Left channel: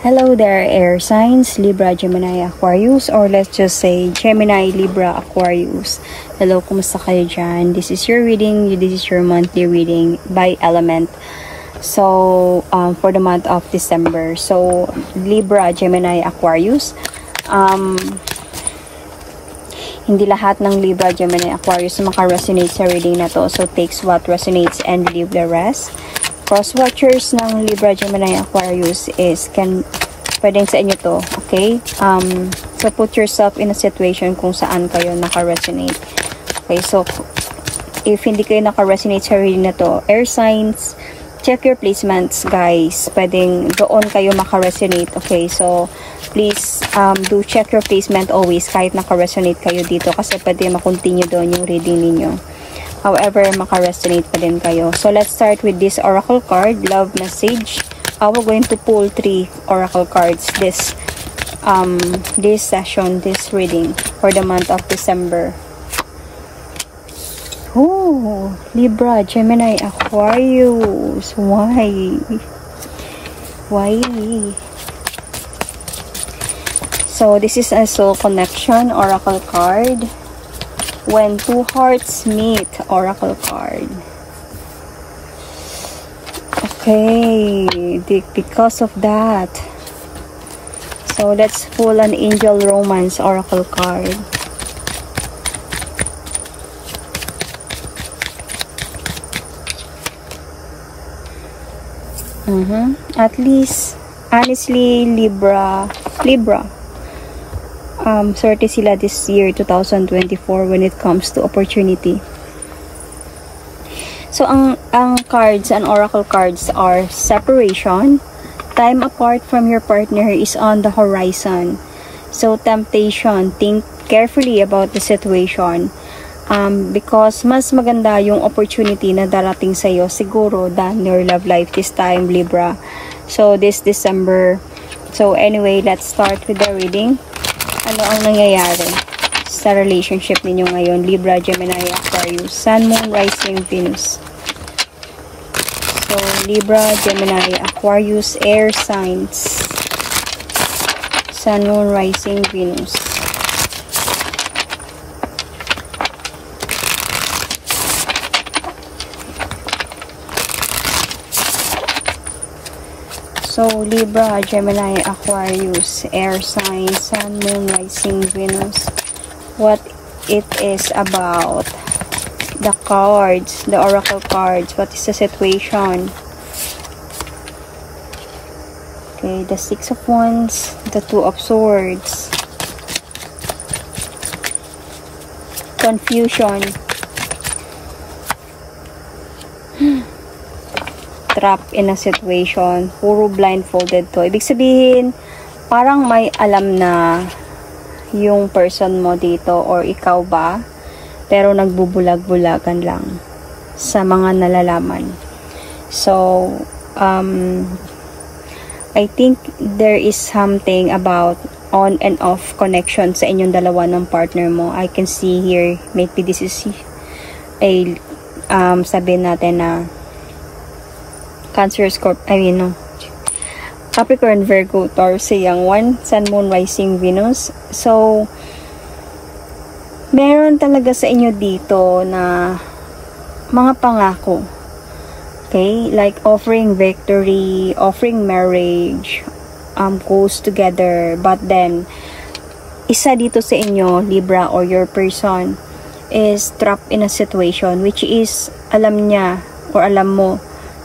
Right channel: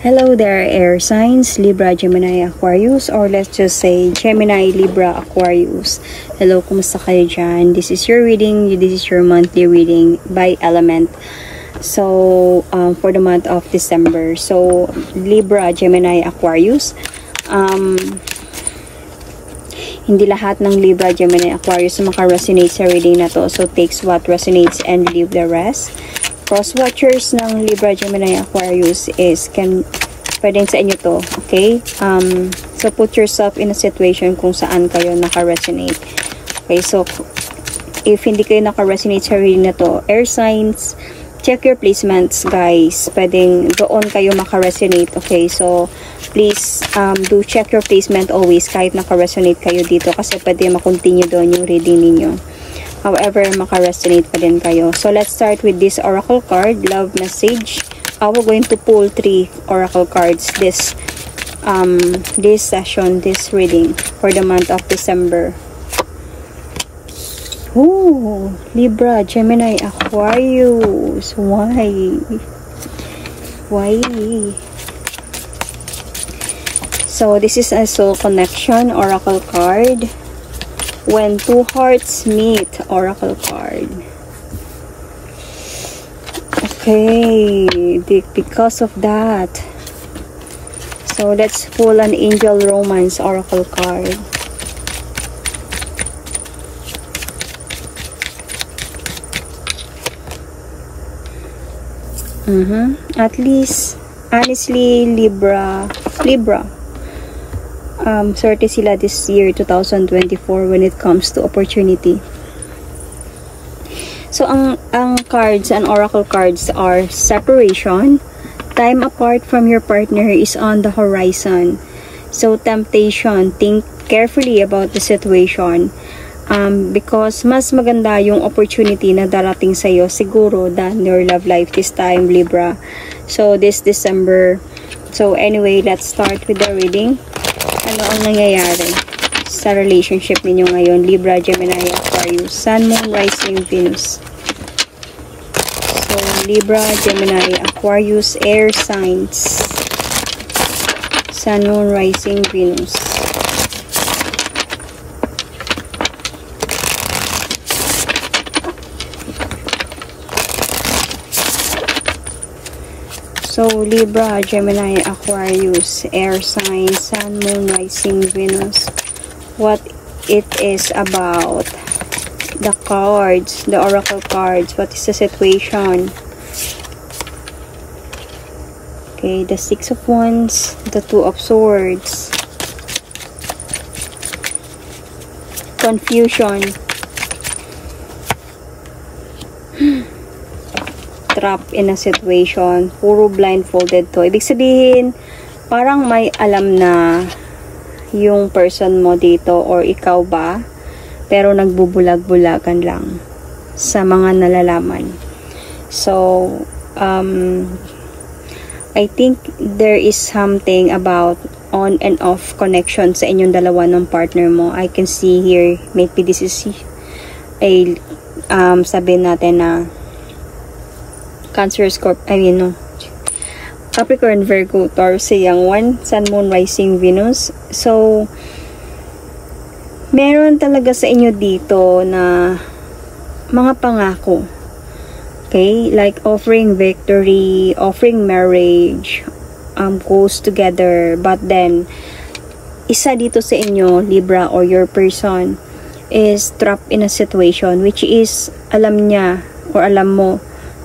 Hello there, air signs, Libra, Gemini, Aquarius, or let's just say Gemini, Libra, Aquarius. Hello, kumusta kayo dyan? This is your reading. This is your monthly reading by element. So, for the month of December. So, Libra, Gemini, Aquarius. Hindi lahat ng Libra, Gemini, Aquarius maka-resonate sa reading na to. So, takes what resonates and leave the rest. Cross watchers ng Libra, Gemini, Aquarius is pwedeng sa inyo to, okay? So put yourself in a situation kung saan kayo naka-resonate. Okay, so if hindi kayo naka-resonate sa reading na to, air signs, check your placements, guys. Pwedeng doon kayo maka-resonate, okay? So please do check your placement always kahit naka-resonate kayo dito kasi pwede makontinue doon yung reading ninyo. However, maka-resonate pa din kayo. So, let's start with this oracle card, love message. We're going to pull 3 oracle cards this session, this reading for the month of December. Oh, Libra, Gemini, Aquarius. Why? Why? So, this is a soul connection oracle card. When two hearts meet, oracle card. Okay, because of that. So let's pull an angel romance oracle card. At least, honestly, Libra. Swerte sila this year 2024 when it comes to opportunity. So ang cards and oracle cards are separation, time apart from your partner is on the horizon. So temptation, think carefully about the situation because mas maganda yung opportunity na darating sa iyo siguro than your love life this time, Libra. So this December. So anyway, let's start with the reading. Ano ang nangyayari sa relationship ninyo ngayon, Libra, Gemini, Aquarius, Sun, Moon, Rising, Venus. So, Libra, Gemini, Aquarius, air signs, Sun, Moon, Rising, Venus. So, Libra, Gemini, Aquarius, air sign, Sun, Moon, Rising, Venus. What it is about. The cards, the oracle cards. What is the situation? Okay, the Six of Wands, the Two of Swords. Confusion. Trapped in a situation. Puro blindfolded to. Ibig sabihin, parang may alam na yung person mo dito or ikaw ba, pero nagbubulag-bulagan lang sa mga nalalaman. So, I think there is something about on and off connection sa inyong dalawa ng partner mo. I can see here, maybe this is a, sabihin natin na Cancer, Scorpio, Capricorn, Virgo, Taurus, Young One, Sun, Moon, Rising, Venus. So, meron talaga sa inyo dito na mga pangako. Okay? Like offering victory, offering marriage, goes together. But then, isa dito sa inyo, Libra, or your person, is trapped in a situation which is, alam niya, or alam mo,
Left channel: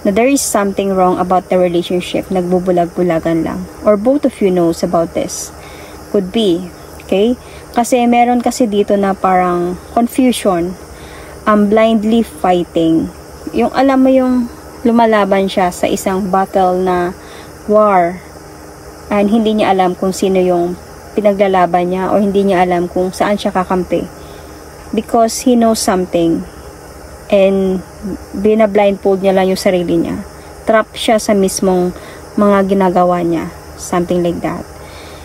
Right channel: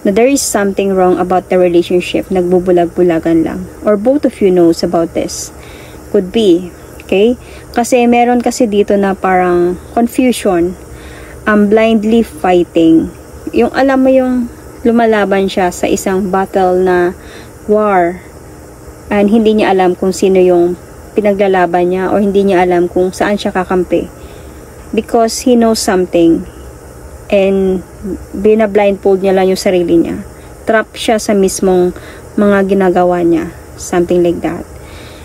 na there is something wrong about the relationship, nagbubulag-bulagan lang. Or both of you knows about this. Could be. Okay? Kasi meron kasi dito na parang confusion. Blindly fighting. Yung alam mo yung lumalaban siya sa isang battle na war. And hindi niya alam kung sino yung pinaglalaban niya or hindi niya alam kung saan siya kakampi. Because he knows something. And bina-blindfold niya lang yung sarili niya. Trap siya sa mismong mga ginagawa niya. Something like that.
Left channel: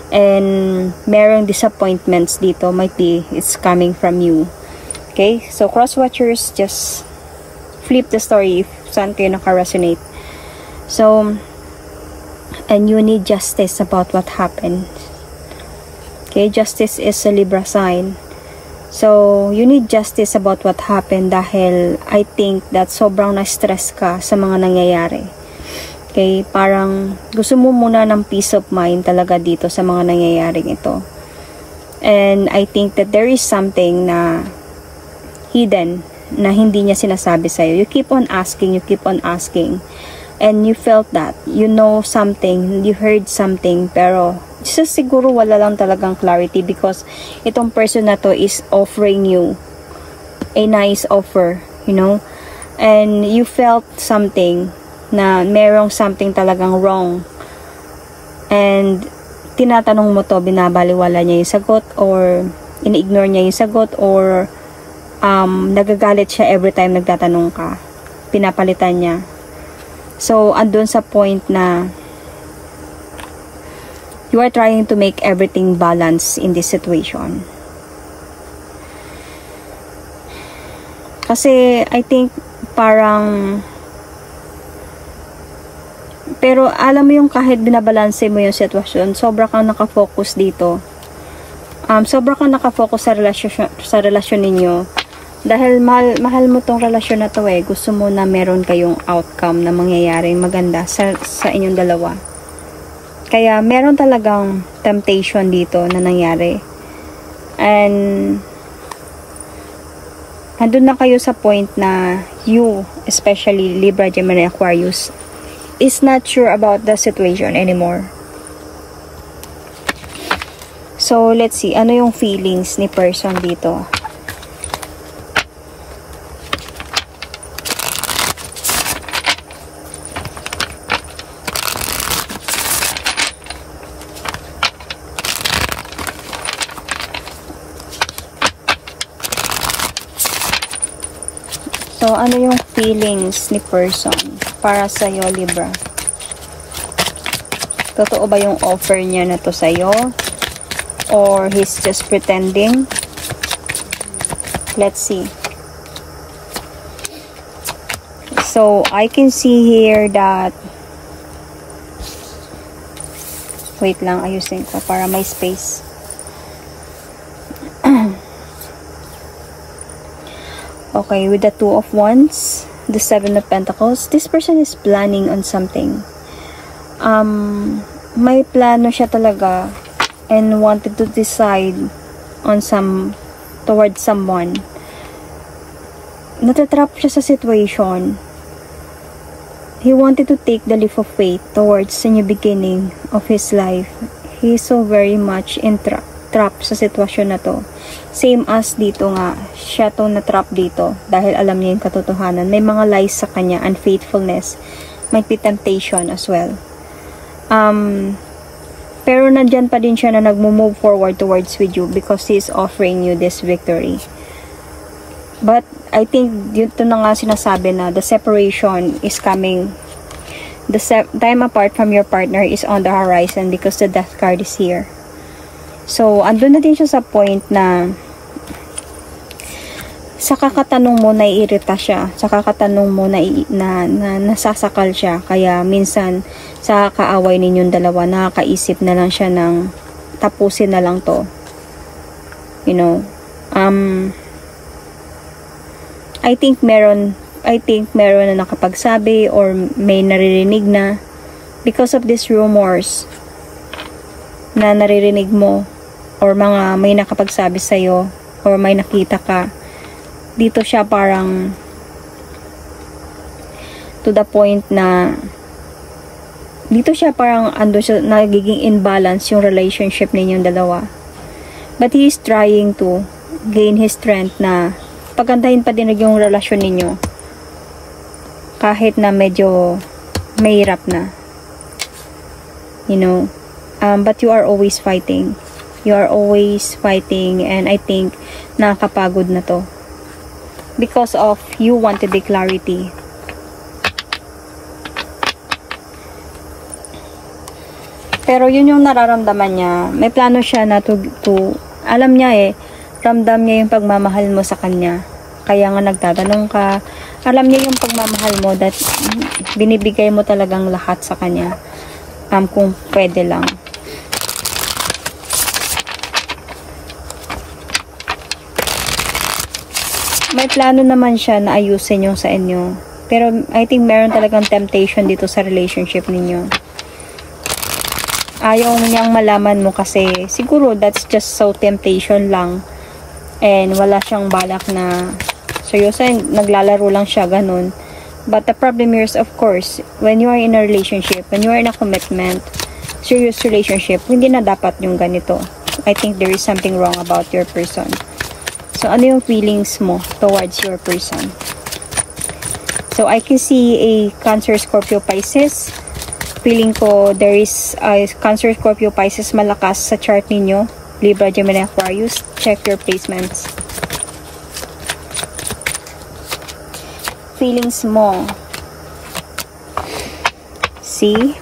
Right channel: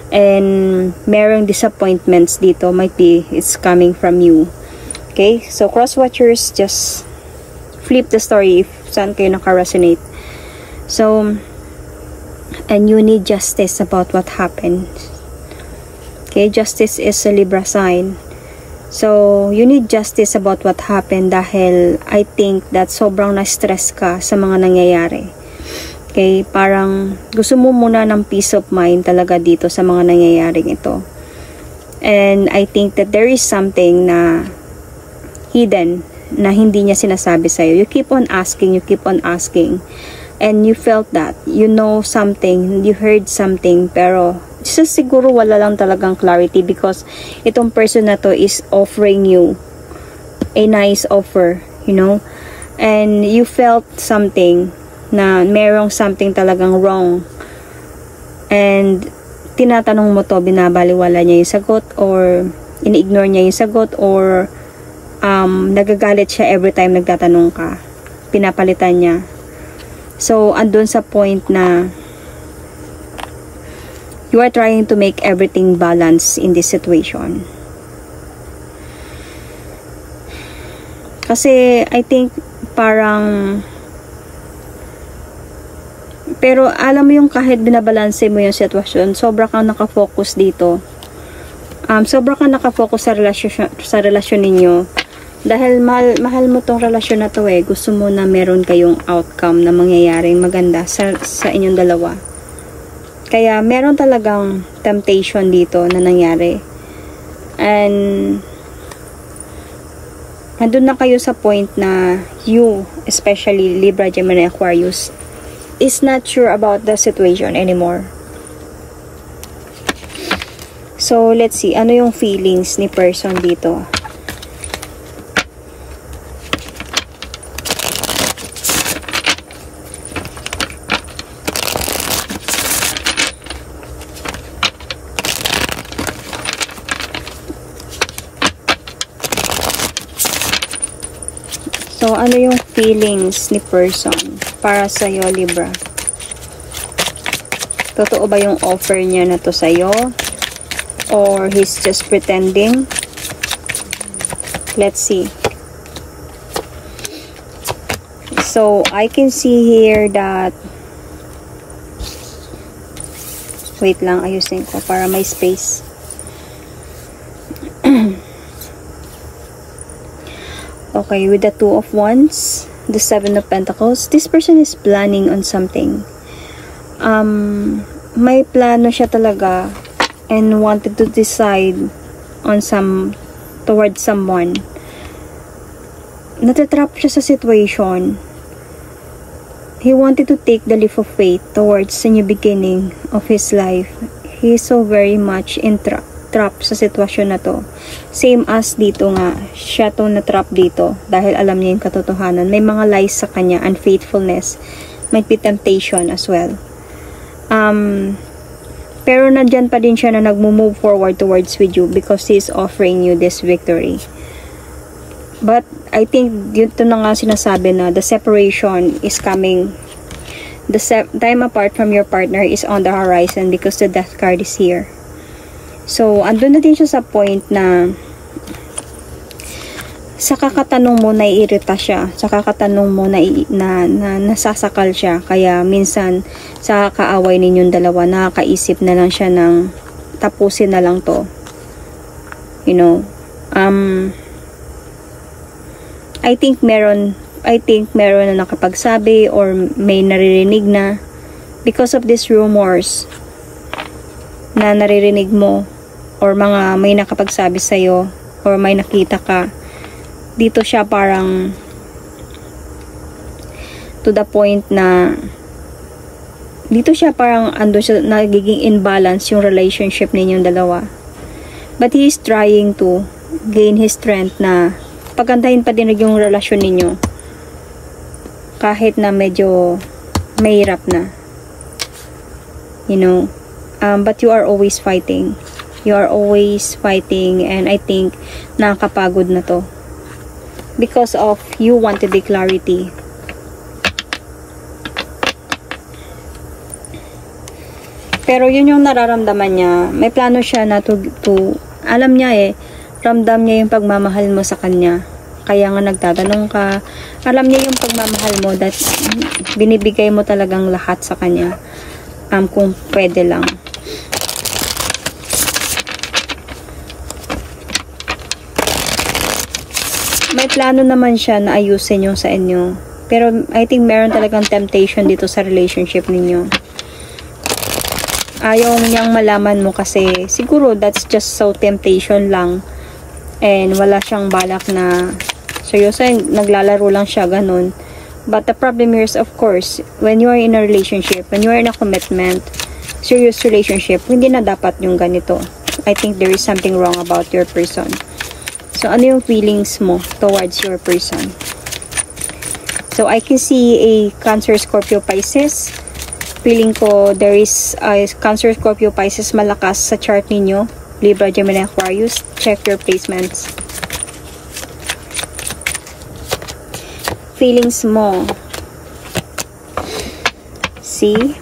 And merong disappointments dito. Might be it's coming from you. Okay? So, cross-watchers, just flip the story if saan kayo naka-resonate. So, And you need justice about what happened. Okay, justice is a Libra sign. So, you need justice about what happened dahil I think that sobrang na-stress ka sa mga nangyayari. Okay, parang gusto mo muna ng peace of mind talaga dito sa mga nangyayaring ito. And I think that there is something na hidden na hindi niya sinasabi sa'yo. You keep on asking, and you felt that, you know something, you heard something, pero siguro wala lang talagang clarity because itong person na to is offering you a nice offer, you know, and you felt something na merong something talagang wrong, and tinatanong mo to, binabaliwala niya yung sagot, or ini-ignore niya yung sagot, or nagagalit siya every time nagtatanong ka, pinapalitan niya. So, andun sa point na you are trying to make everything balance in this situation. Kasi, I think, parang, pero alam mo yung kahit binabalanse mo yung sitwasyon, sobra kang nakafocus dito. Sobra kang nakafocus sa relasyon ninyo. Dahil mahal mo tong relasyon na to eh. Gusto mo na meron kayong outcome na mangyayaring maganda sa inyong dalawa. Kaya meron talagang temptation dito na nangyari. And andun na kayo sa point na you, especially Libra, Gemini, Aquarius, is not sure about the situation anymore. So, let's see. Ano yung feelings ni person dito? So, ano yung feelings ni person para sa'yo, Libra? Totoo ba yung offer niya na to sa'yo? Or he's just pretending? Let's see. So, I can see here that... Wait lang, ayusin ko para may space. Okay, with the Two of Wands, the Seven of Pentacles, this person is planning on something. May plano siya talaga and wanted to decide on towards someone. Natatrap siya sa situation. He wanted to take the leap of faith towards the new beginning of his life. He is so very much trapped sa sitwasyon na to. Same as dito nga, siya to na-trap dito dahil alam niya yung katotohanan. May mga lies sa kanya, unfaithfulness, might be temptation as well. Pero nandyan pa din siya na nagmo-move forward towards with you because he is offering you this victory. But I think dito na nga sinasabi na the separation is coming. The time apart from your partner is on the horizon because the Death card is here. So, andun na din siya sa point na sa kakatanong mo, naiirita siya. Sa kakatanong mo, na nasasakal siya. Kaya, minsan, sa kaaway ninyong dalawa, nakakaisip na lang siya ng tapusin na lang to. You know, I think meron na nakapagsabi or may naririnig na because of these rumors na naririnig mo or mga may nakapagsabi sa'yo or may nakita ka. Dito siya parang to the point na dito siya parang ando siya, nagiging imbalance yung relationship ninyong dalawa. But he is trying to gain his strength na pagandahin pa din yung relasyon ninyo kahit na medyo mahirap na. You know, but you are always fighting. You are always fighting, and I think nakakapagod na to. Because of you wanted the clarity. Pero yun yung nararamdaman niya. May plano siya na to alam niya ramdam niya yung pagmamahal mo sa kanya. Kaya nga nagtatanong ka. Alam niya yung pagmamahal mo that binibigay mo talagang lahat sa kanya. Kung pwede lang. May plano naman siya na ayusin yung sa inyo. Pero I think meron talagang temptation dito sa relationship ninyo. Ayaw niyang malaman mo kasi siguro that's just so temptation lang. And wala siyang balak na seryoso, naglalaro lang siya, ganun. But the problem is, of course, when you are in a relationship, when you are in a commitment, serious relationship, hindi na dapat yung ganito. I think there is something wrong about your person. So, ano yung feelings mo towards your person? So, I can see a Cancer, Scorpio, Pisces. Feeling ko there is a Cancer, Scorpio, Pisces malakas sa chart ninyo. Libra, Gemini, Aquarius. Check your placements. Feelings mo. See?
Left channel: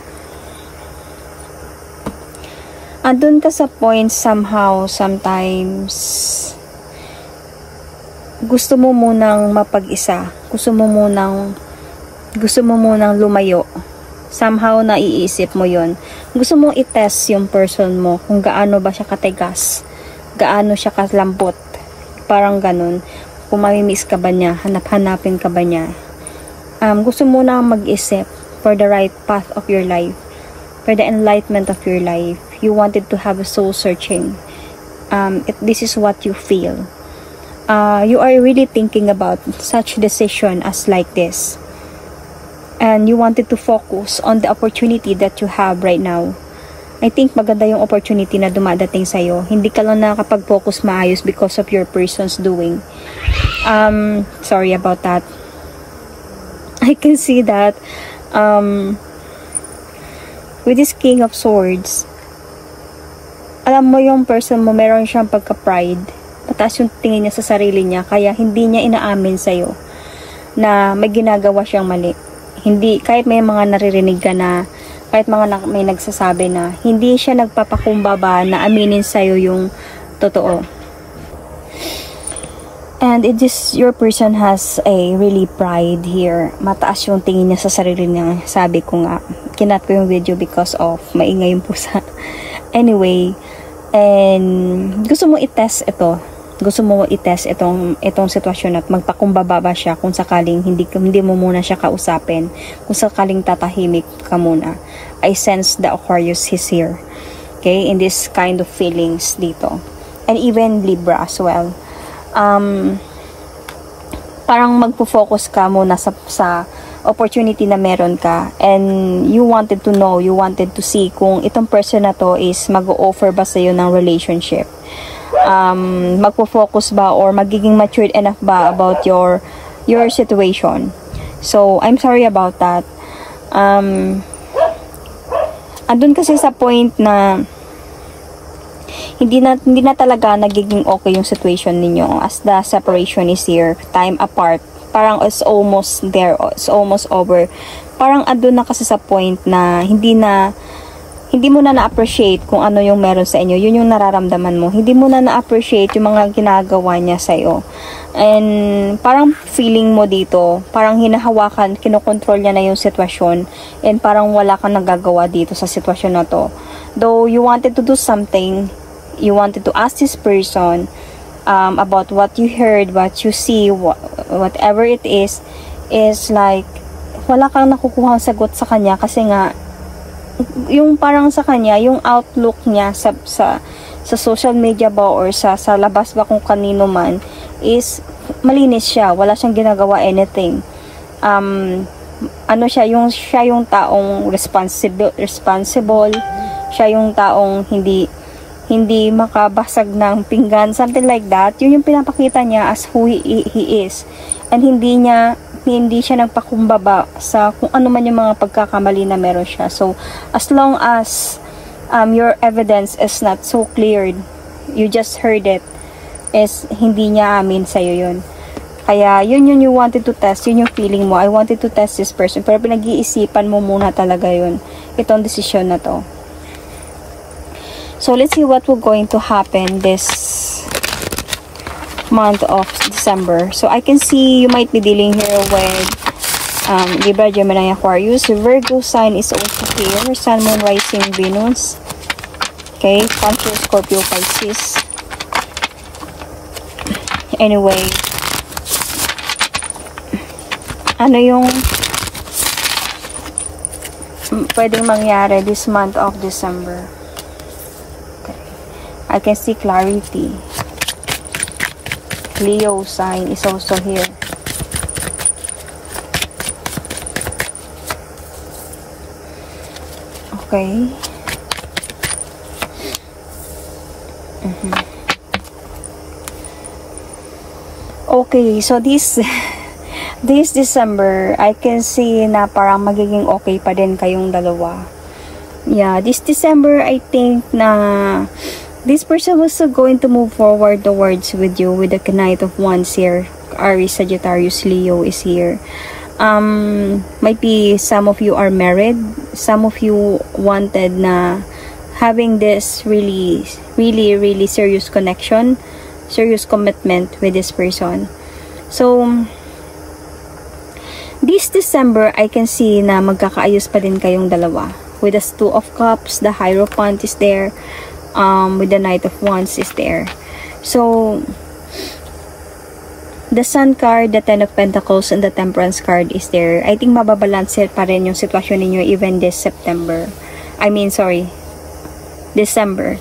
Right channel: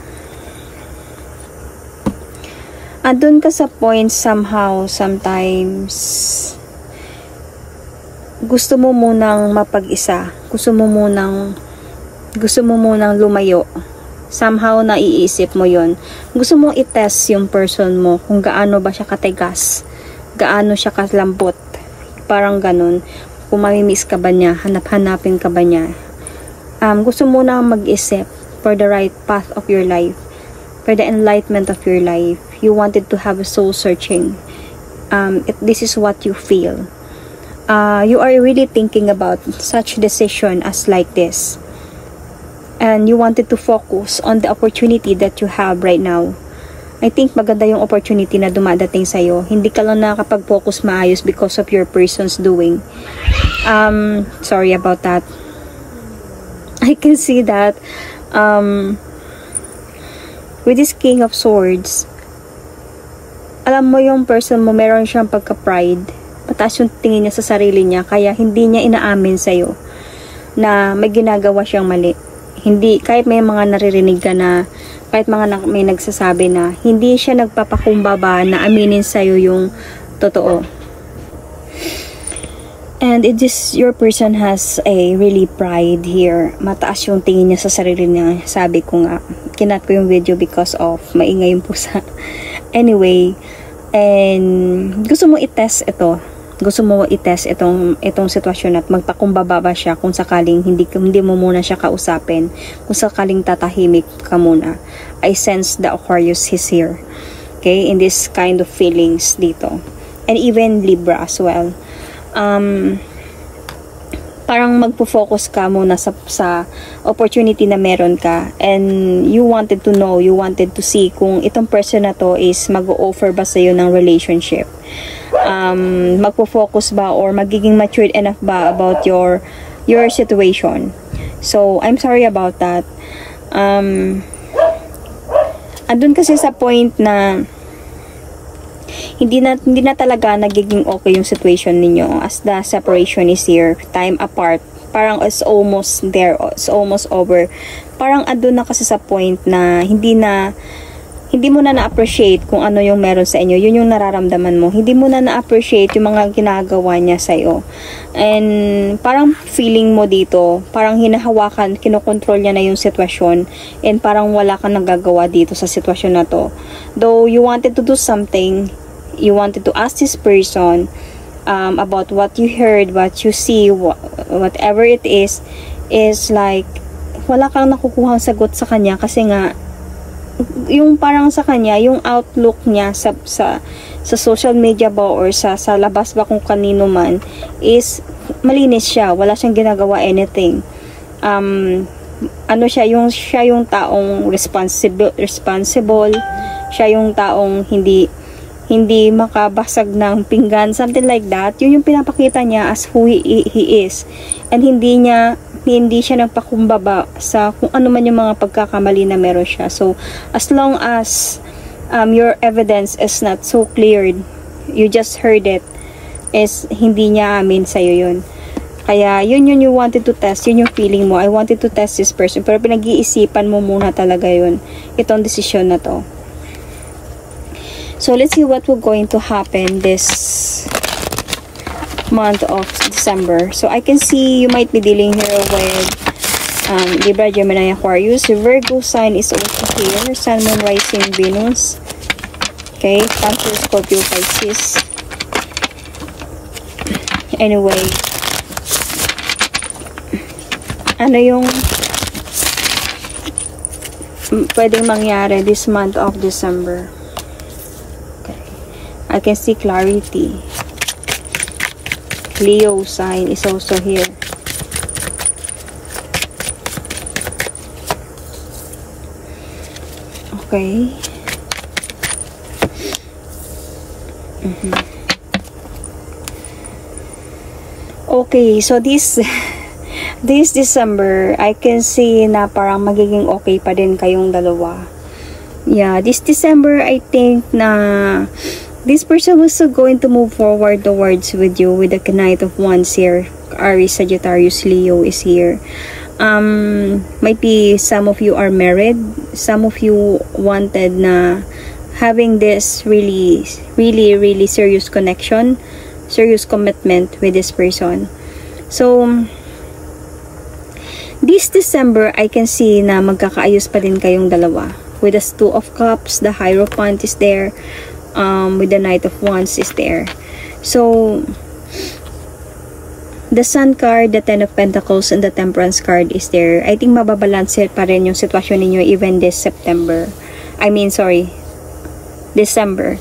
Andun ka sa point somehow, sometimes gusto mo munang mapag-isa. Gusto mo munang lumayo. Somehow, naiisip mo yon. Gusto mo i-test yung person mo kung gaano ba siya katigas. Gaano siya kalambot. Parang ganun. Kung mamimiss ka ba niya, hanap-hanapin ka ba niya. Gusto mo na mag-isip for the right path of your life. For the enlightenment of your life. You wanted to have a soul searching. This is what you feel. You are really thinking about such decision as like this. And you wanted to focus on the opportunity that you have right now. I think maganda yung opportunity na dumadating sa'yo. Hindi ka lang nakakapag-focus maayos because of your person's doing. Sorry about that. I can see that with this King of Swords, alam mo yung person mo, meron siyang pagka-pride. Mataas yung tingin niya sa sarili niya, kaya hindi niya inaamin sa'yo na may ginagawa siyang mali. Hindi, kahit may mga naririnig ka na, kahit may nagsasabi na, hindi siya nagpapakumbaba na aminin sa'yo yung totoo. And it is, your person has a really pride here. Mataas yung tingin niya sa sarili niya. Sabi ko nga, kinat ko yung video because of maingay yung pusa. Anyway, and gusto mo i-test ito. Gusto mo i-test itong sitwasyon at magpakumbaba ba siya kung sakaling hindi mo muna siya kausapin. Kung sakaling tatahimik ka muna. I sense the Aquarius is here. Okay? In this kind of feelings dito. And even Libra as well. Parang magpo-focus ka muna sa opportunity na meron ka, and you wanted to know, you wanted to see kung itong person na to is mag-o-offer ba sa'yo ng relationship, magpo-focus ba or magiging matured enough ba about your situation. So I'm sorry about that. Andun kasi sa point na hindi na talaga nagiging okay yung situation ninyo as the separation is here, time apart. Parang it's almost there, it's almost over. Parang andun na kasi sa point na hindi mo na na-appreciate kung ano yung meron sa inyo. Yun yung nararamdaman mo. Hindi mo na na-appreciate yung mga ginagawa niya sa'yo. And parang feeling mo dito, parang hinahawakan, kinokontrol niya na yung sitwasyon, and parang wala kang nagagawa dito sa sitwasyon na to. Though you wanted to do something, you wanted to ask this person about what you heard, what you see, whatever it is like wala kang nakukuhang sagot sa kanya kasi nga yung parang sa kanya, yung outlook niya sa social media ba or sa labas ba kung kanino man is malinis siya, wala siyang ginagawa anything. Siya yung taong responsible, siya yung taong hindi makabasag ng pinggan, something like that. Yun yung pinapakita niya as who he is. And hindi siya nagpakumbaba sa kung ano man yung mga pagkakamali na meron siya. So, as long as your evidence is not so cleared, you just heard it, is hindi niya amin sa'yo yun. Kaya, yun you wanted to test, yun yung feeling mo. I wanted to test this person, pero pinag-iisipan mo muna talaga yun. Itong decision na to. So, let's see what will going to happen this month of December. So, I can see you might be dealing here with Libra, Gemini, Aquarius. Virgo sign is also here. Sun, Moon, Rising, Venus. Okay, Cancer, Scorpio, Pisces. Anyway, ano yung pwedeng mangyari this month of December? Okay, I can see clarity. Leo sign is also here. Okay. Okay, so this December, I can see na parang magiging okay pa din kayong dalawa. Yeah, this December, I think na this person was going to move forward towards with you with the Knight of Wands here. Aries, Sagittarius, Leo is here. Might be some of you are married. Some of you wanted na having this really serious connection, serious commitment with this person. So, this December, I can see na magkakaayos pa din kayong dalawa. With the Two of Cups, the Hierophant is there. With the Knight of Wands is there. So, the Sun card, the Ten of Pentacles, and the Temperance card is there. I think mababalanse pa rin yung sitwasyon ninyo even this September. December.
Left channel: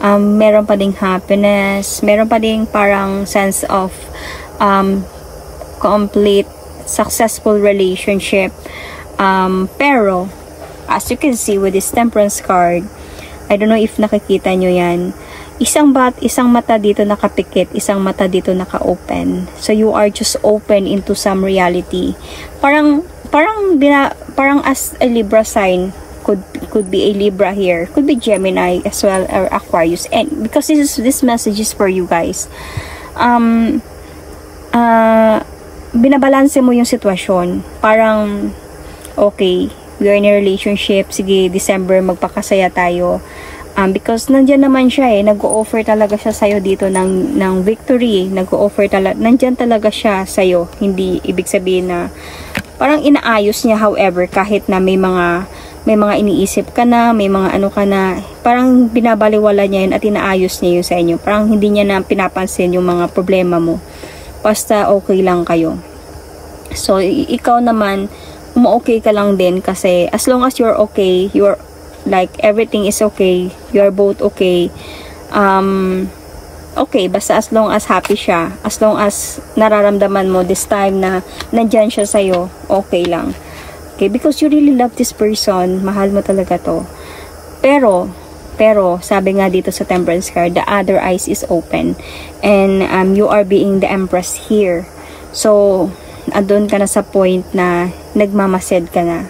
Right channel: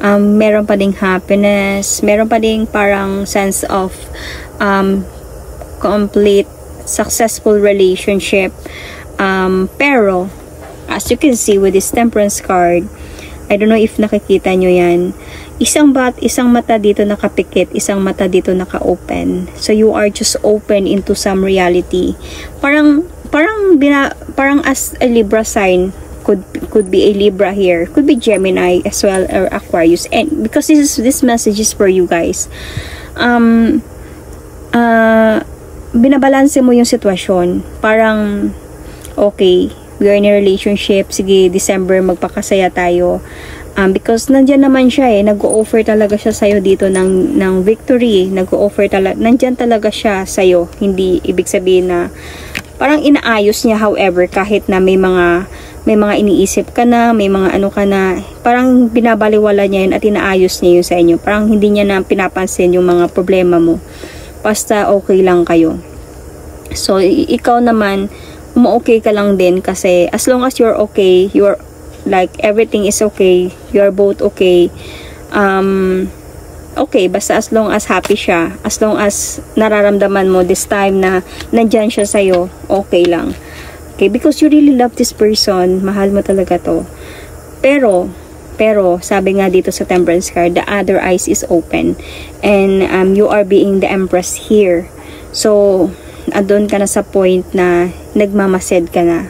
Meron pa ding happiness. Meron pa ding parang sense of complete, successful relationship. Pero, as you can see with this Temperance card, I don't know if nakikita nyo yan. Isang mata dito nakapikit, isang mata dito naka-open. So you are just open into some reality. Parang as a Libra sign, could be a Libra here, could be Gemini as well, or Aquarius. And because this message is for you guys. Binabalanse mo yung sitwasyon. Parang okay, we are in a relationship, sige, December, magpakasaya tayo. Because nandyan naman siya nag-o-offer talaga siya sa'yo dito ng victory, nag-o-offer talaga, nandyan talaga siya sa'yo, hindi ibig sabihin na, parang inaayos niya, however, kahit na may mga iniisip ka na, may mga ano ka na, parang binabaliwala niya yun at inaayos niya yun sa inyo, parang hindi niya na pinapansin yung mga problema mo, basta okay lang kayo. So, ikaw naman, okay ka lang din kasi as long as you're okay, you're like everything is okay, you're both okay, okay, basta as long as happy siya, as long as nararamdaman mo this time na nandyan siya sa'yo, okay lang. Okay, because you really love this person, mahal mo talaga to. Pero sabi nga dito sa Temperance card, the other eyes is open and you are being the Empress here. So, andun ka na sa point na nagmamasid ka na.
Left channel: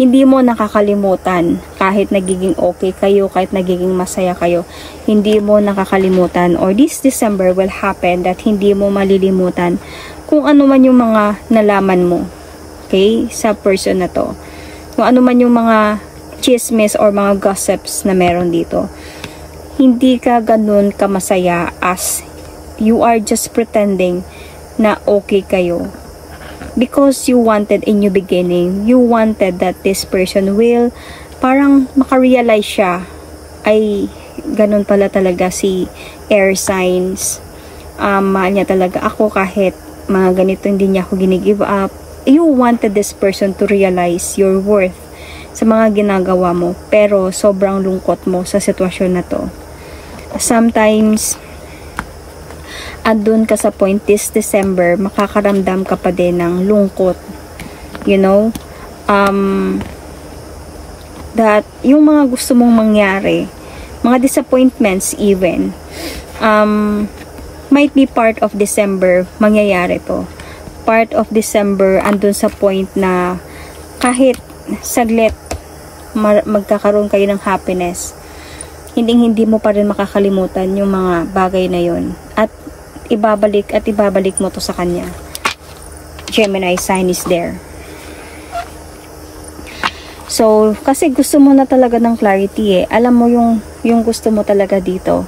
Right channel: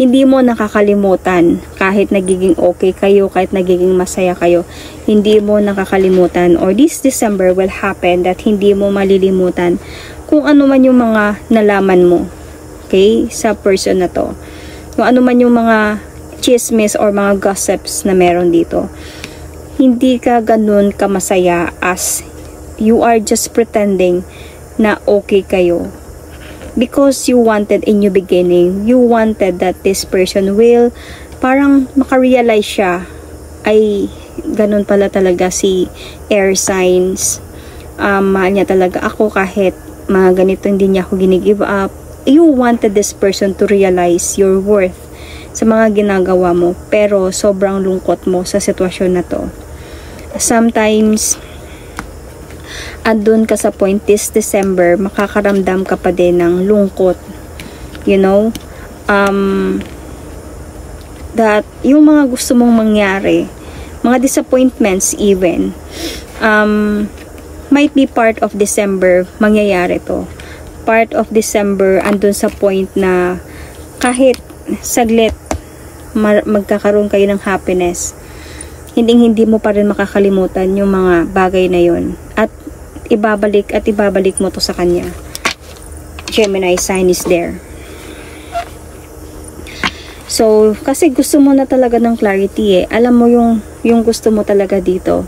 Hindi mo nakakalimutan kahit nagiging okay kayo, kahit nagiging masaya kayo, hindi mo nakakalimutan, or this December will happen that hindi mo malilimutan kung ano man yung mga nalaman mo, okay, sa person na to. Kung ano man yung mga chismis or mga gossips na meron dito. Hindi ka ganun kamasaya as you are just pretending na okay kayo. Because you wanted in your beginning, you wanted that this person will, parang makarealize siya, ay, ganun pala talaga si air signs. Mahal niya talaga ako kahit mga ganito hindi niya ako ginigive up. You wanted this person to realize your worth sa mga ginagawa mo. Pero sobrang lungkot mo sa sitwasyon na to. Sometimes, andun ka sa point this December, makakaramdam ka pa din ng lungkot. You know? That yung mga gusto mong mangyari, mga disappointments even, might be part of December, mangyayari to. Part of December, andun sa point na kahit saglit, magkakaroon kayo ng happiness, hindi mo pa rin makakalimutan yung mga bagay na yon. At ibabalik mo to sa kanya. Gemini sign is there. So, kasi gusto mo na talaga ng clarity Alam mo yung gusto mo talaga dito.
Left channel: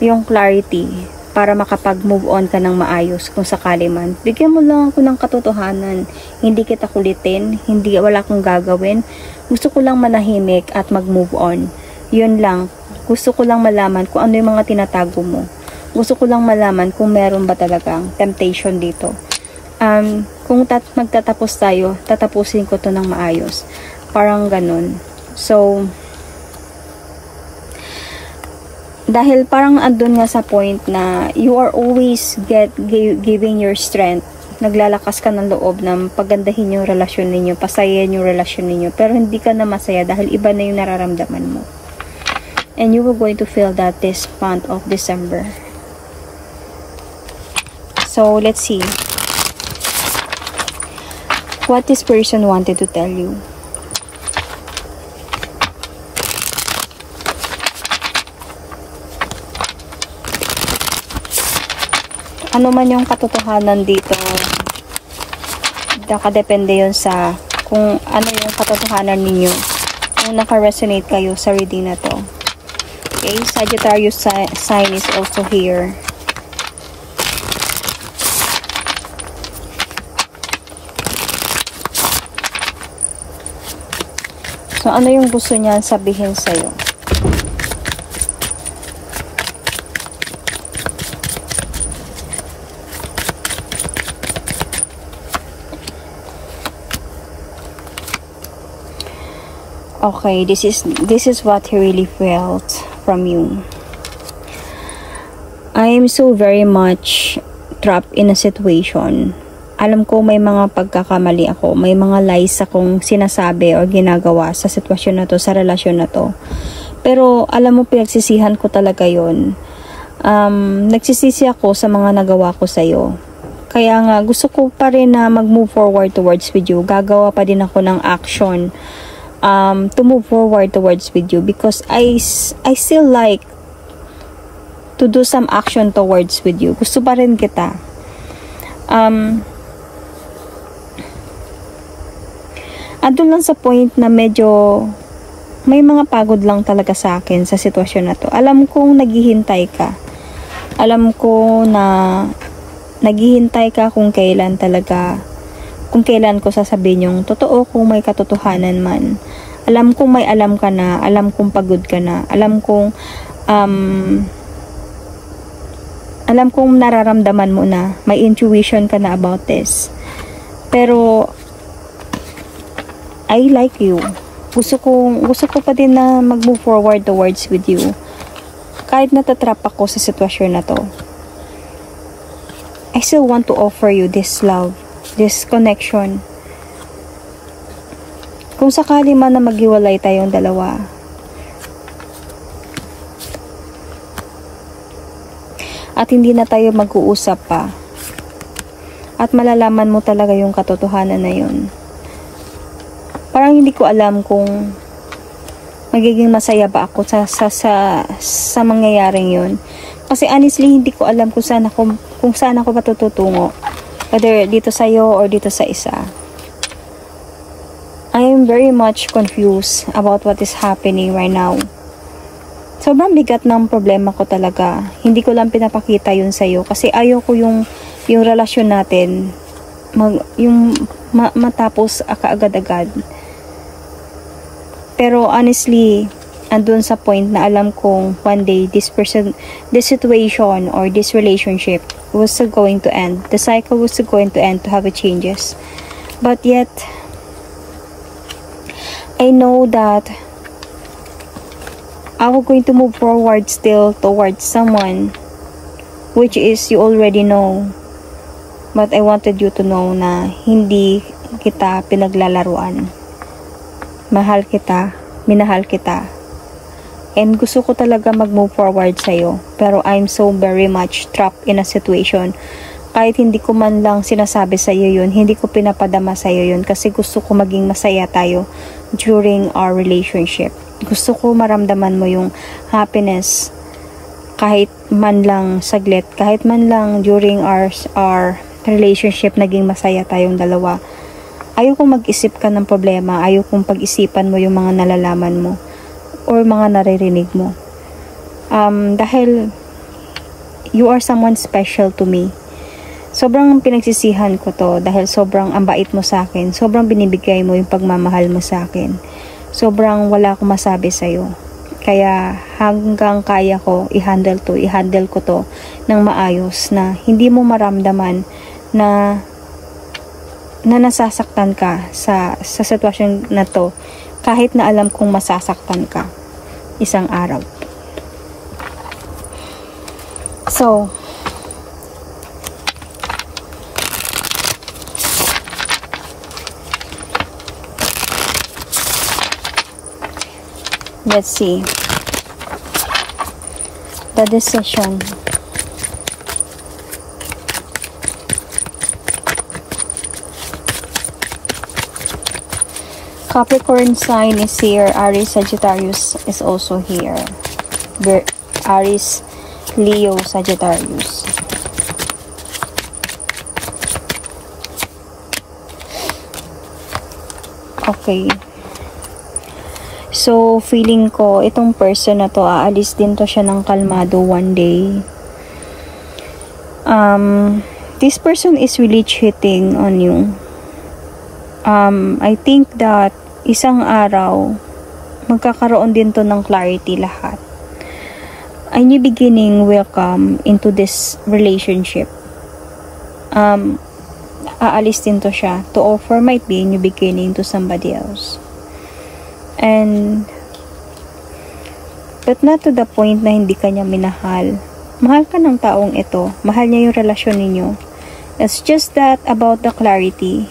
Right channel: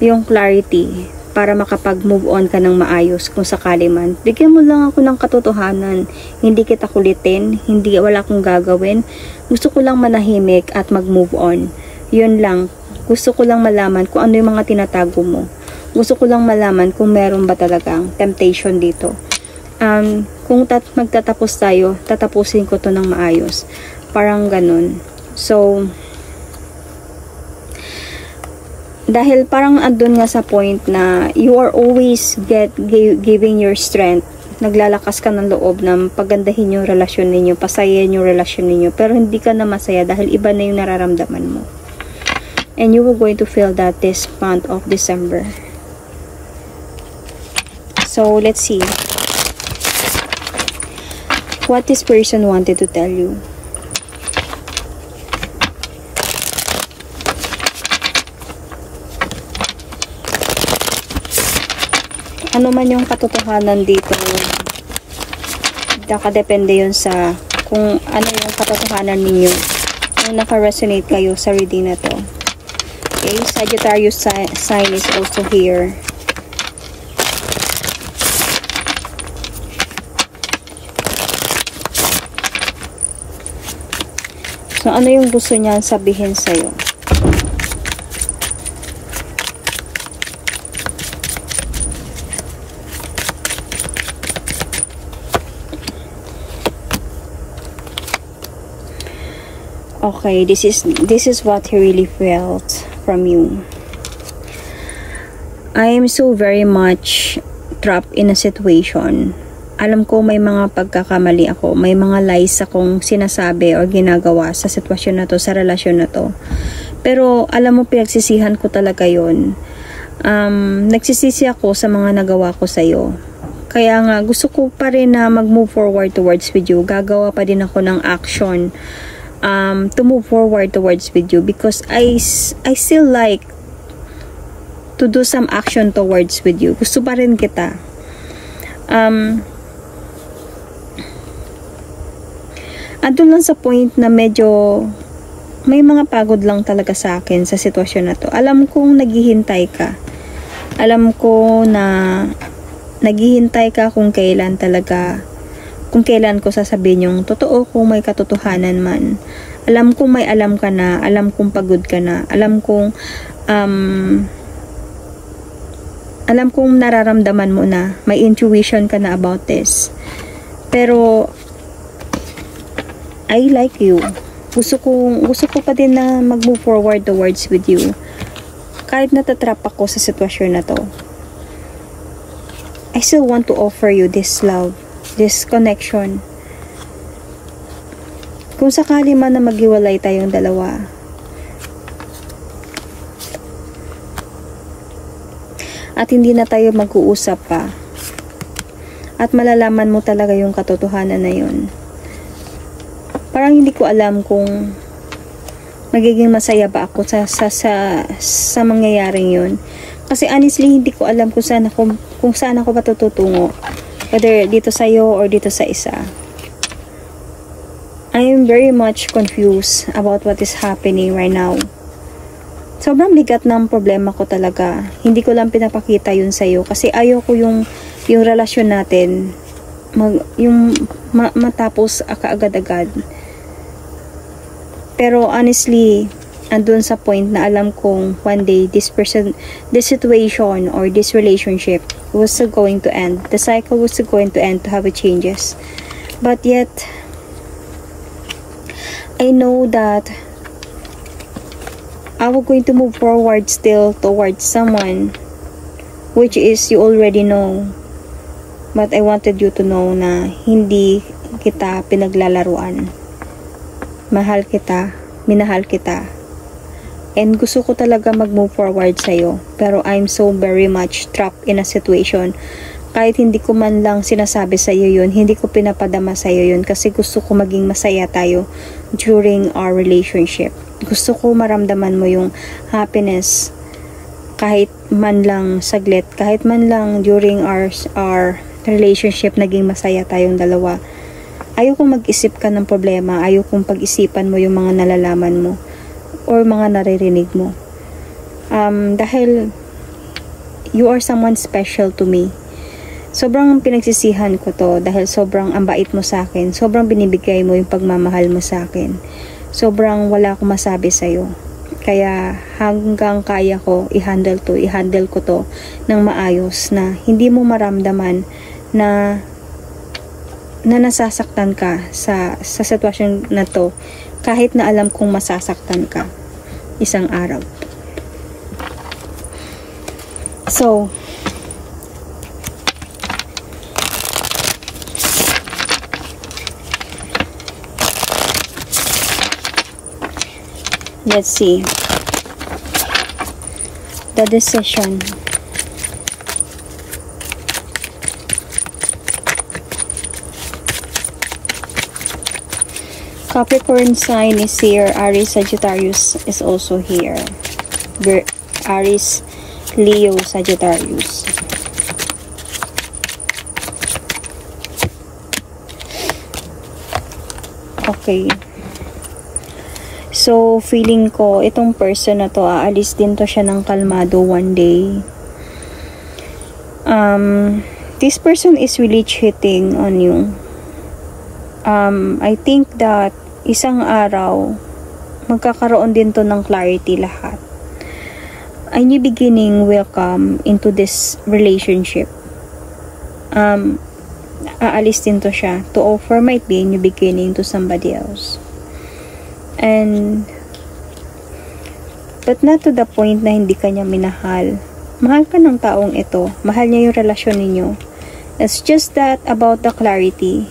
Yung clarity. para makapag-move on ka ng maayos kung sakali man. Bigyan mo lang ako ng katotohanan. Hindi kita kulitin, wala akong gagawin. Gusto ko lang manahimik at mag-move on. Yun lang. Gusto ko lang malaman kung ano yung mga tinatago mo. Gusto ko lang malaman kung meron ba talagang temptation dito. Kung magtatapos tayo, tatapusin ko to ng maayos. Parang ganun. So, dahil parang andun nga sa point na you are always giving your strength. Naglalakas ka ng loob na pagandahin yung relasyon ninyo, pasayahin yung relasyon ninyo. Pero hindi ka na masaya dahil iba na yung nararamdaman mo. And you were going to feel that this month of December. So, let's see. What this person wanted to tell you. Ano man yung katotohanan dito, nakadepende yun sa kung ano yung katotohanan ninyo. Kung naka-resonate kayo sa reading na to. Okay, Sagittarius sign is also here. So, ano yung gusto niya sabihin sa'yo? Okay, this is what he really felt from you. I am so very much trapped in a situation. Alam ko may mga pagkakamali ako, may mga lies akong sinasabi o ginagawa sa sitwasyon na to, sa relasyon na to. Pero alam mo, pinagsisihan ko talaga yon. Nagsisisi ako sa mga nagawa ko sa'yo. Kaya nga, gusto ko pa rin na mag-move forward towards with you. Gagawa pa din ako ng action to move forward towards with you because I still like to do some action towards with you. Gusto pa rin kita. Andun lang sa point na medyo may mga pagod lang talaga sa akin sa sitwasyon na to. Alam kong naghihintay ka. Alam ko na naghihintay ka kung kailan ko sasabihin yung totoo, kung may katotohanan man. Alam kong may alam ka na, alam kong pagod ka na, alam kong nararamdaman mo na, may intuition ka na about this. Pero I like you. Gusto ko pa din na mag-move forward towards with you. Kahit natatrap ako sa sitwasyon na to. I still want to offer you this love, this connection. Kung sakali man na maghiwalay tayong dalawa, at hindi na tayo mag-uusap pa, at malalaman mo talaga yung katotohanan na yun, parang hindi ko alam kung magiging masaya ba ako sa mangyayaring yun. Kasi honestly, hindi ko alam kung saan ako matututungo. Whether dito sa'yo or dito sa isa. I am very much confused about what is happening right now. Sobrang bigat ng problema ko talaga. Hindi ko lang pinapakita yun sa'yo. Kasi ayaw ko yung relasyon natin matapos kaagad-agad. Pero honestly, andun sa point na alam kong one day this situation or this relationship was still going to end. The cycle was still going to end to have a changes. But yet, I know that I'm going to move forward still towards someone which is you already know. But I wanted you to know na hindi kita pinaglalaruan. Mahal kita, minahal kita. And gusto ko talaga mag-move forward sa'yo. Pero I'm so very much trapped in a situation. Kahit hindi ko man lang sinasabi sa'yo yun, hindi ko pinapadama sa'yo yun kasi gusto ko maging masaya tayo during our relationship. Gusto ko maramdaman mo yung happiness kahit man lang saglit, kahit man lang during our relationship naging masaya tayong dalawa. Ayaw kong mag-isip ka ng problema, ayaw kong pag-isipan mo yung mga nalalaman mo or mga naririnig mo. Dahil you are someone special to me. Sobrang pinagsisihan ko to dahil sobrang ang bait mo sa akin. Sobrang binibigay mo yung pagmamahal mo sa akin. Sobrang wala akong masabi sa'yo. Kaya hanggang kaya ko i-handle ko to ng maayos na hindi mo maramdaman na nasasaktan ka sa sitwasyon na to kahit na alam kong masasaktan ka isang araw. So, let's see the decision. Capricorn sign is here. Aries, Sagittarius is also here. Aries, Leo, Sagittarius. Okay. So, feeling ko, itong person na to, aalis din to siya ng kalmado one day. This person is really cheating on you. I think that isang araw, magkakaroon din to ng clarity lahat. A new beginning will come into this relationship. Aalis din to siya to offer might be a new beginning to somebody else. But not to the point na hindi ka niya minahal. Mahal ka ng taong ito. Mahal niya yung relasyon ninyo. It's just that about the clarity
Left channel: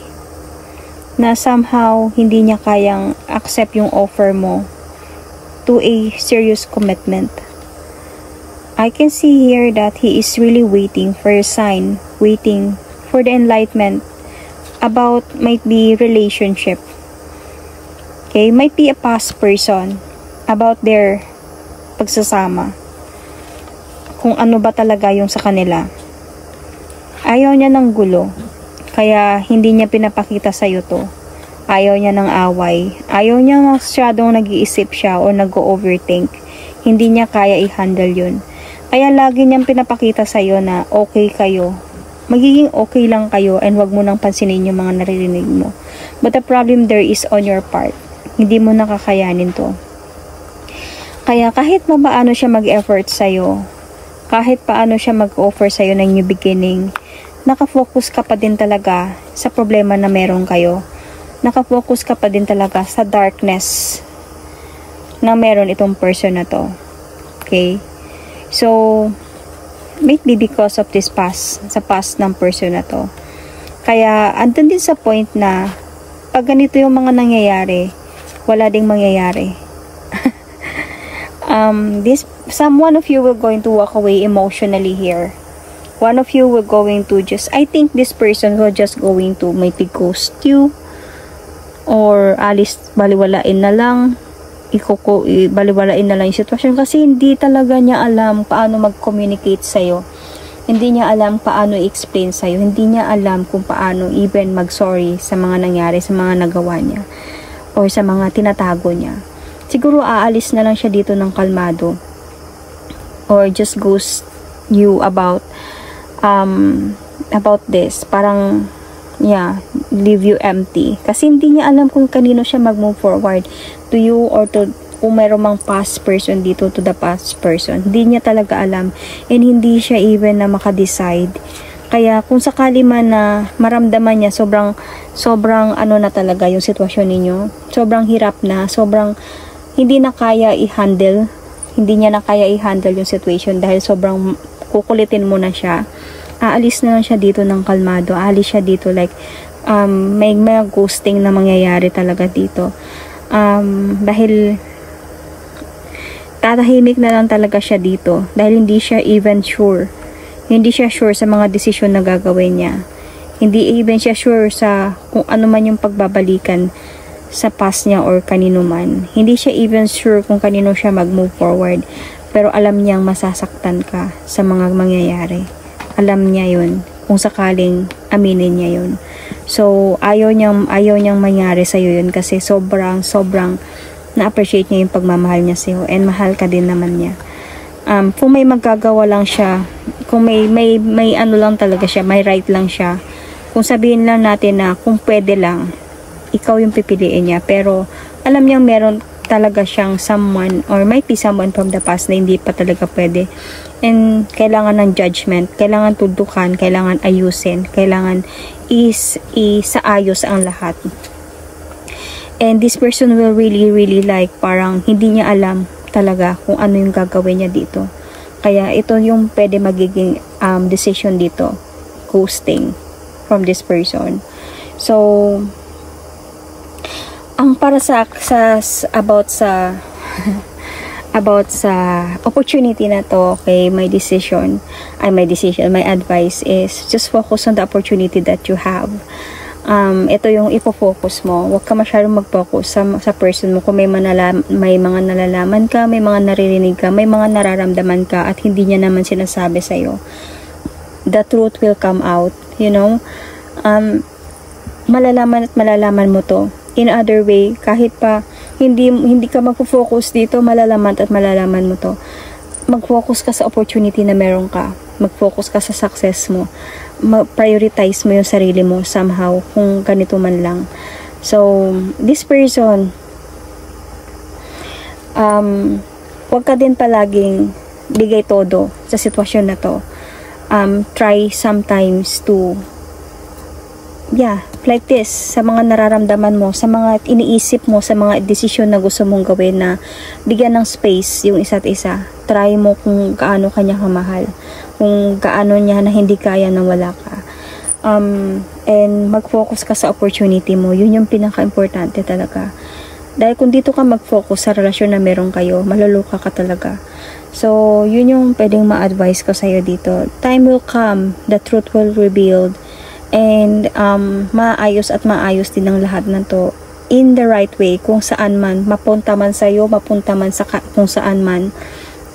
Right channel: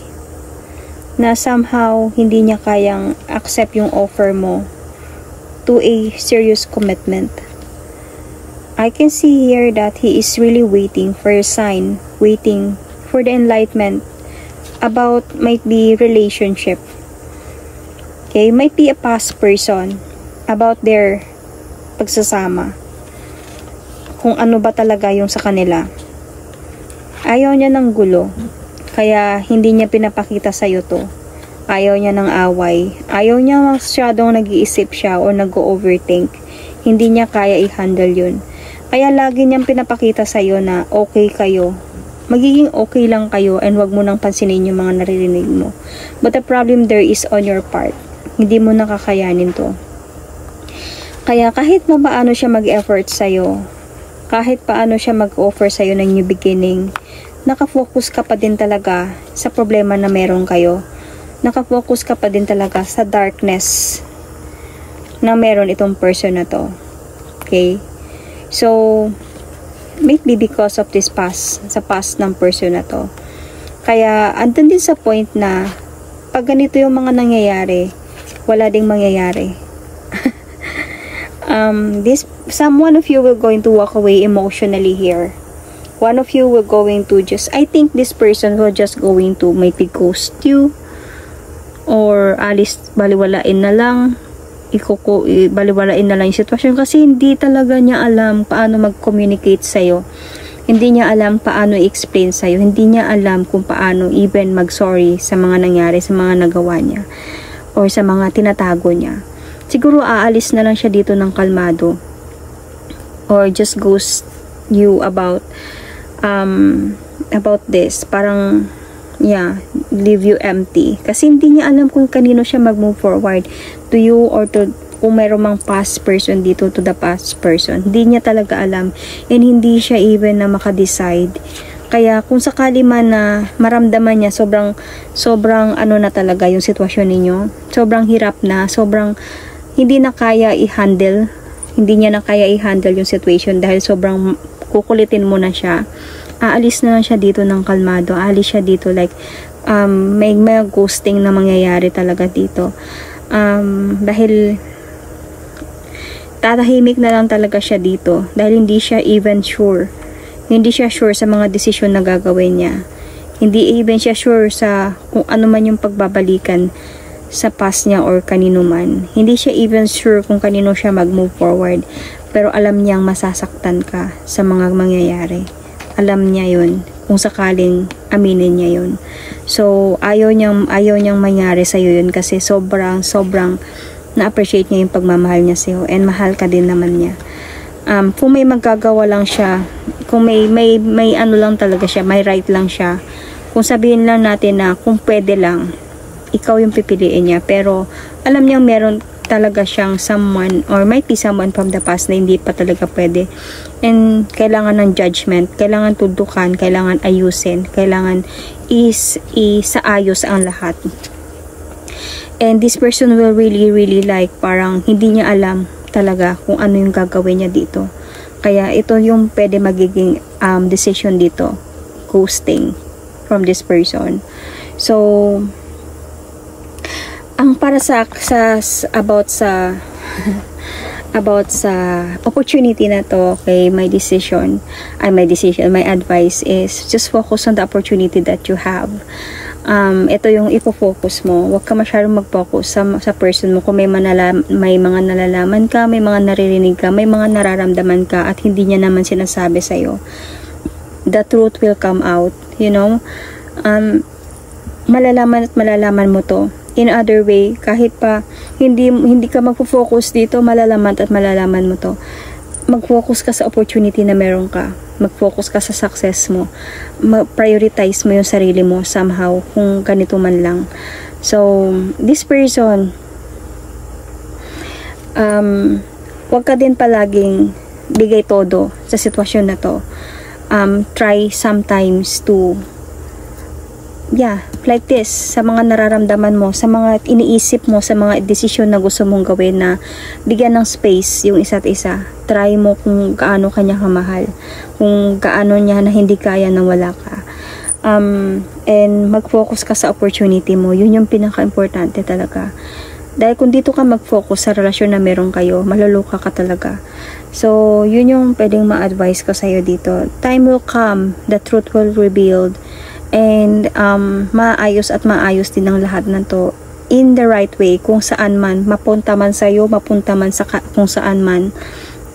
na somehow hindi niya kayang accept yung offer mo to a serious commitment. I can see here that he is really waiting for a sign, waiting for the enlightenment about might be relationship. Okay, might be a past person about their pagsasama. Kung ano ba talaga yung sa kanila. Ayaw niya ng gulo. Kaya hindi niya pinapakita sa'yo to. Ayaw niya ng away. Ayaw niya masyadong nag-iisip siya o nag-overthink. Hindi niya kaya i-handle yun. Kaya lagi niyang pinapakita sa'yo na okay kayo. Magiging okay lang kayo and wag mo nang pansinin yung mga naririnig mo. But the problem there is on your part. Hindi mo nakakayanin to. Kaya kahit na paano siya mag-effort sa'yo, kahit paano siya mag-offer sa'yo ng new beginning, nakafocus ka pa din talaga sa problema na meron kayo. Nakafocus ka pa din talaga sa darkness na meron itong person na to. Okay? So, maybe because of this past, sa past ng person na to. Kaya, andun din sa point na pag ganito yung mga nangyayari, wala ding mangyayari. One of you will going to walk away emotionally here. One of you will going to just, I think this person will just going to maybe ghost you or alis, baliwalain na lang, baliwalain na lang yung sitwasyon kasi hindi talaga niya alam paano mag-communicate sa'yo. Hindi niya alam paano i-explain sa'yo. Hindi niya alam kung paano even mag-sorry sa mga nangyari, sa mga nagawa niya or sa mga tinatago niya. Siguro aalis na lang siya dito ng kalmado or just ghost you about this, parang leave you empty kasi hindi niya alam kung kanino siya mag-move forward, to you or to kung mayroong mang past person dito, to the past person. Hindi niya talaga alam and hindi siya even na makadecide. Kaya kung sakali man na maramdaman niya sobrang ano na talaga yung sitwasyon ninyo, sobrang hirap na, sobrang hindi na kaya i-handle, hindi niya na kaya i-handle yung situation dahil sobrang kukulitin mo na siya, aalis na lang siya dito ng kalmado, aalis siya dito like may ghosting na mangyayari talaga dito. Dahil tatahimik na lang talaga siya dito dahil hindi siya even sure. Hindi siya sure sa mga desisyon na gagawin niya. Hindi even siya sure sa kung ano man yung pagbabalikan sa past niya or kanino man. Hindi siya even sure kung kanino siya mag-move forward. Pero alam niyang masasaktan ka sa mga mangyayari. Alam niya yun. Kung sakaling aminin niya yun. So, ayaw niyang mangyari sa'yo yun kasi sobrang na-appreciate niya yung pagmamahal niya sa'yo and mahal ka din naman niya. Kung may magagawa lang siya, kung may ano lang talaga siya, may right lang siya, kung sabihin lang natin na kung pwede lang, ikaw yung pipiliin niya. Pero alam niyang meron talaga siyang someone, or might be someone from the past na hindi pa talaga pwede. And kailangan ng judgment, kailangan tudukan, kailangan ayusin, kailangan isaayos ang lahat. And this person will really like, parang hindi niya alam talaga kung ano yung gagawin niya dito. Kaya ito yung pwede magiging decision dito, ghosting from this person. So ang para sa about sa opportunity na to, okay, my advice is just focus on the opportunity that you have. Ito yung ipo-focus mo. Huwag ka masyadong mag-focus sa person mo. Kung may mga nalalaman ka, may mga naririnig ka, may mga nararamdaman ka, at hindi niya naman sinasabi sa'yo, the truth will come out, you know. Malalaman mo to in other way. Kahit pa hindi ka mag-focus dito, malalaman mo to. Mag-focus ka sa opportunity na meron ka. Mag-focus ka sa success mo. Prioritize mo yung sarili mo somehow, kung ganito man lang. So this person, wag ka din palaging bigay todo sa sitwasyon na to. Try sometimes to like this, sa mga nararamdaman mo, sa mga iniisip mo, sa mga desisyon na gusto mong gawin, na bigyan ng space yung isa't isa. Try mo kung gaano kanya kamahal, kung gaano niya na hindi kaya na wala ka. And mag-focus ka sa opportunity mo. Yun yung pinaka-importante talaga. Dahil kung dito ka mag-focus sa relasyon na meron kayo, maluluka ka talaga. So yun yung pwedeng ma-advise ko sa'yo dito. Time will come, the truth will revealed, and maayos din ang lahat ng to in the right way, kung saan man, mapunta man sa'yo, mapunta man sa kung saan man,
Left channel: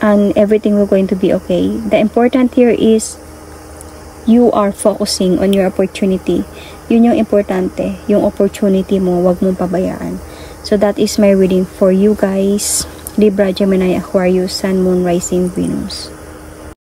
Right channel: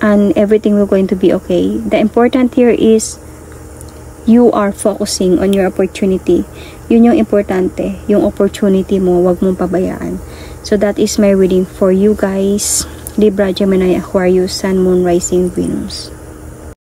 and everything will going to be okay. The important here is you are focusing on your opportunity. Yun yung importante, yung opportunity mo, wag mong pabayaan. So that is my reading for you guys, Libra, Gemini, Aquarius, Sun, Moon, Rising, Venus.